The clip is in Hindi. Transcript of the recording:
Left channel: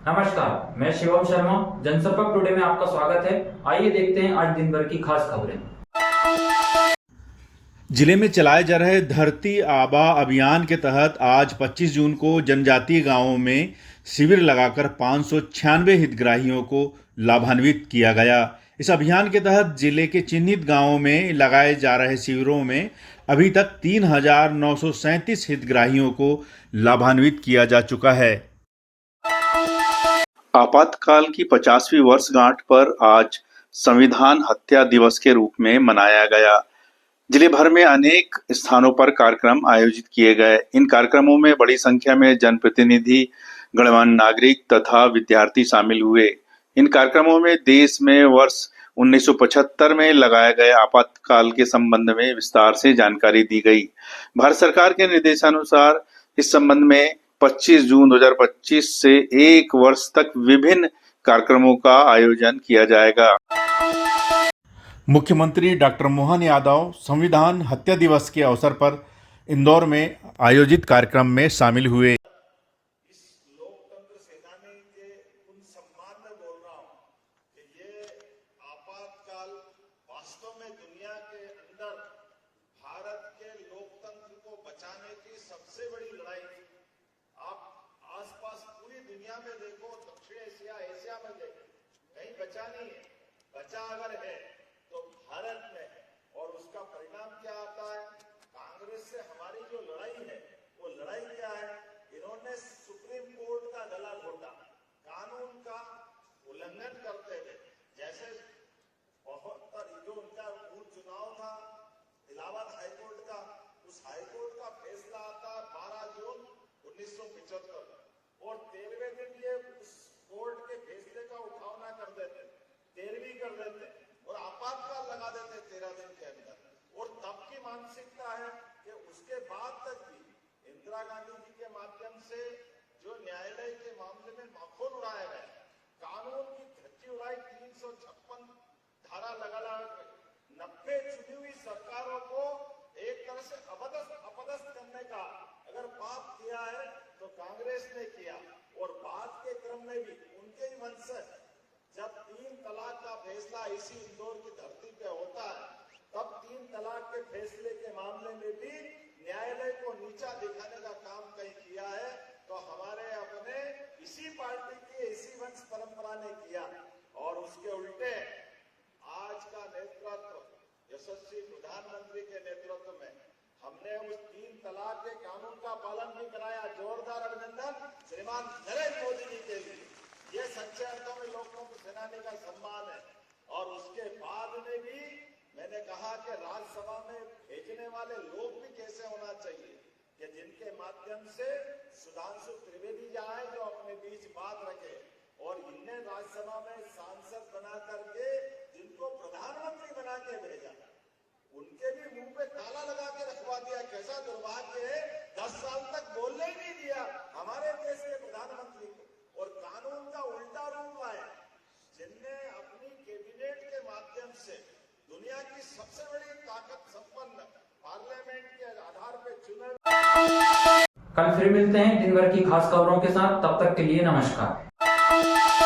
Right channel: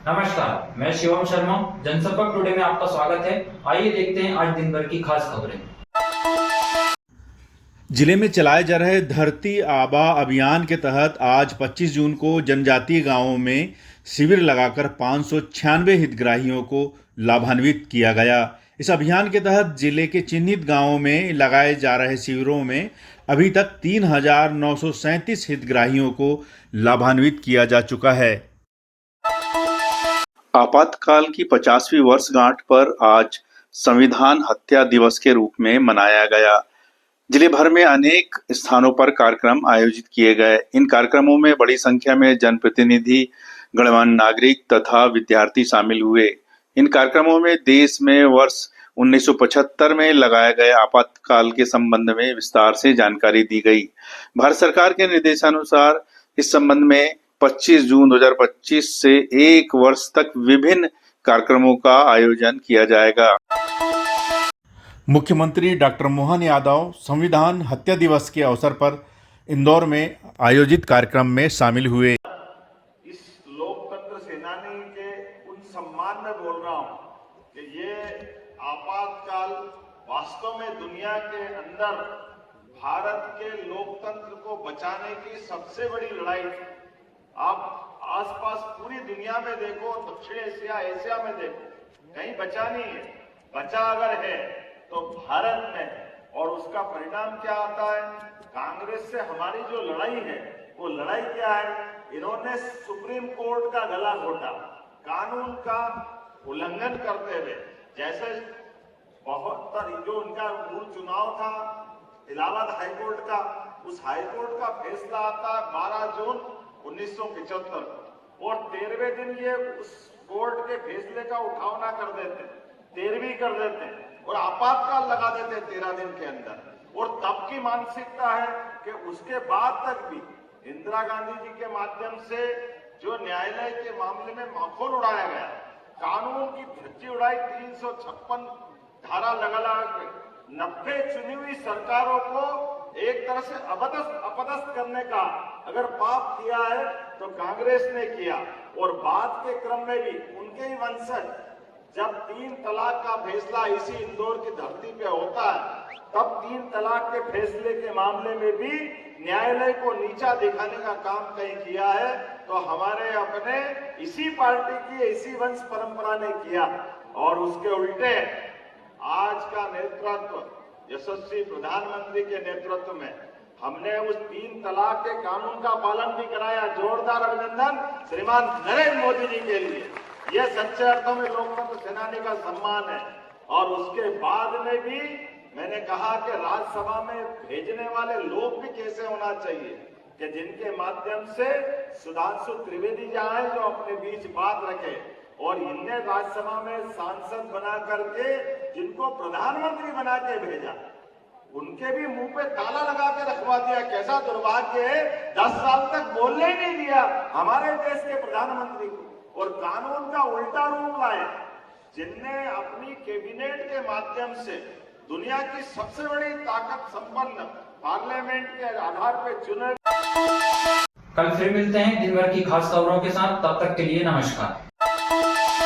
नमस्कार, मैं शिवम शर्मा। जनसंपर्क टुडे में आपका स्वागत है। आइए देखते हैं आज दिन भर की खास खबरें। जिले में चलाए जा रहे धरती आबा अभियान के तहत आज 25 जून को जनजातीय गांवों में शिविर लगाकर 596 हितग्राहियों को लाभान्वित किया गया। इस अभियान के तहत जिले के चिन्हित गांवों में लगाए जा रहे शिविरों में अभी तक 3,937 हितग्राहियों को लाभान्वित किया जा चुका है। आपातकाल की 50वीं वर्षगांठ पर आज संविधान हत्या दिवस के रूप में मनाया गया। जिले भर में अनेक स्थानों पर कार्यक्रम आयोजित किए गए। इन कार्यक्रमों में बड़ी संख्या में जनप्रतिनिधि, गणमान्य नागरिक तथा विद्यार्थी शामिल हुए। इन कार्यक्रमों में देश में वर्ष 1975 में लगाए गए आपातकाल के संबंध में विस्तार से जानकारी दी गई। भारत सरकार के निर्देशानुसार इस संबंध में 25 जून 2025 से 1 वर्ष तक विभिन्न कार्यक्रमों का आयोजन किया जाएगा। मुख्यमंत्री डॉक्टर मोहन यादव संविधान हत्या दिवस के अवसर पर इंदौर में आयोजित कार्यक्रम में शामिल हुए। इस लोकतंत्र सेनानी के उन सम्मान में बोल रहा हूं कि ये आपातकाल वास्तव में दुनिया के अंदर भारत के लोकतंत्र को बचाने की सबसे बड़ी लड़ाई थी। आप आसपास पूरी दुनिया में देखो, दक्षिण एशिया में देखो, कहीं बचा नहीं है। बचा अगर है तो भारत में है। और उसका परिणाम क्या आता है? कांग्रेस से हमारी जो लड़ाई है, वो लड़ाई क्या है? इन्होंने सुप्रीम कोर्ट का गला घोटा, कानून का उल्लंघन करते हुए। जैसे जो उनका मूल चुनाव था इलाहाबाद हाईकोर्ट का, उस हाईकोर्ट का फैसला आता है 12 जून 1975 और 13वें दिन ये उस कोर्ट के फैसले का उठावना कर देते, 13वीं कर देते और आपातकाल लगा देते 13 दिन के अंदर। और तब की मानसिकता है कि उसके बाद तक भी इंदिरा गांधी जी के माध्यम से जो न्यायालय के मामले में माखौल उड़ाया गया, कानून की धज्जी उड़ाई, 356 धारा लगा 90 चुनी हुई सरकारों को एक तरह से अपदस्थ करने का अगर पाप किया है तो कांग्रेस ने किया। और बाद के क्रम में भी उनके ही वंशज जब 3 तलाक का फैसला इसी इंदौर की धरती पे होता है, तब 3 तलाक के फैसले के मामले में भी न्यायालय को नीचा दिखाने का काम कहीं किया है तो हमारे अपने इसी पार्टी की, इसी वंश परंपरा ने किया। और उसके उल्टे आज का नेतृत्व यशस्वी प्रधानमंत्री के नेतृत्व में हमने उस 3 तलाक के कानून का पालन भी कराया। जोरदार अभिनंदन श्रीमान नरेंद्र मोदी जी के लिए। यह सच्चे अर्थों में लोकतंत्र सेनानी का सम्मान है। और उसके बाद में भी मैंने कहा कि राज्यसभा में भेजने वाले लोग भी कैसे होना चाहिए कि जिनके माध्यम से सुधांशु त्रिवेदी जाए जो अपने बीच बात रखे। और इनने राज्यसभा में सांसद बना करके जिनको प्रधानमंत्री बना के भेजा, उनके भी मुंह पे ताला लगा के रखवा दिया। कैसा दुर्भाग्य है, 10 साल तक बोलने ही नहीं दिया हमारे देश के प्रधानमंत्री को। और कानून का उल्टा रूप लाए, जिनने अपनी कैबिनेट के माध्यम से दुनिया की सबसे बड़ी ताकत संपन्न पार्लियामेंट के आधार पर चुने। कल फिर मिलते हैं दिन भर की खास खबरों के साथ। तब तक के लिए नमस्कार।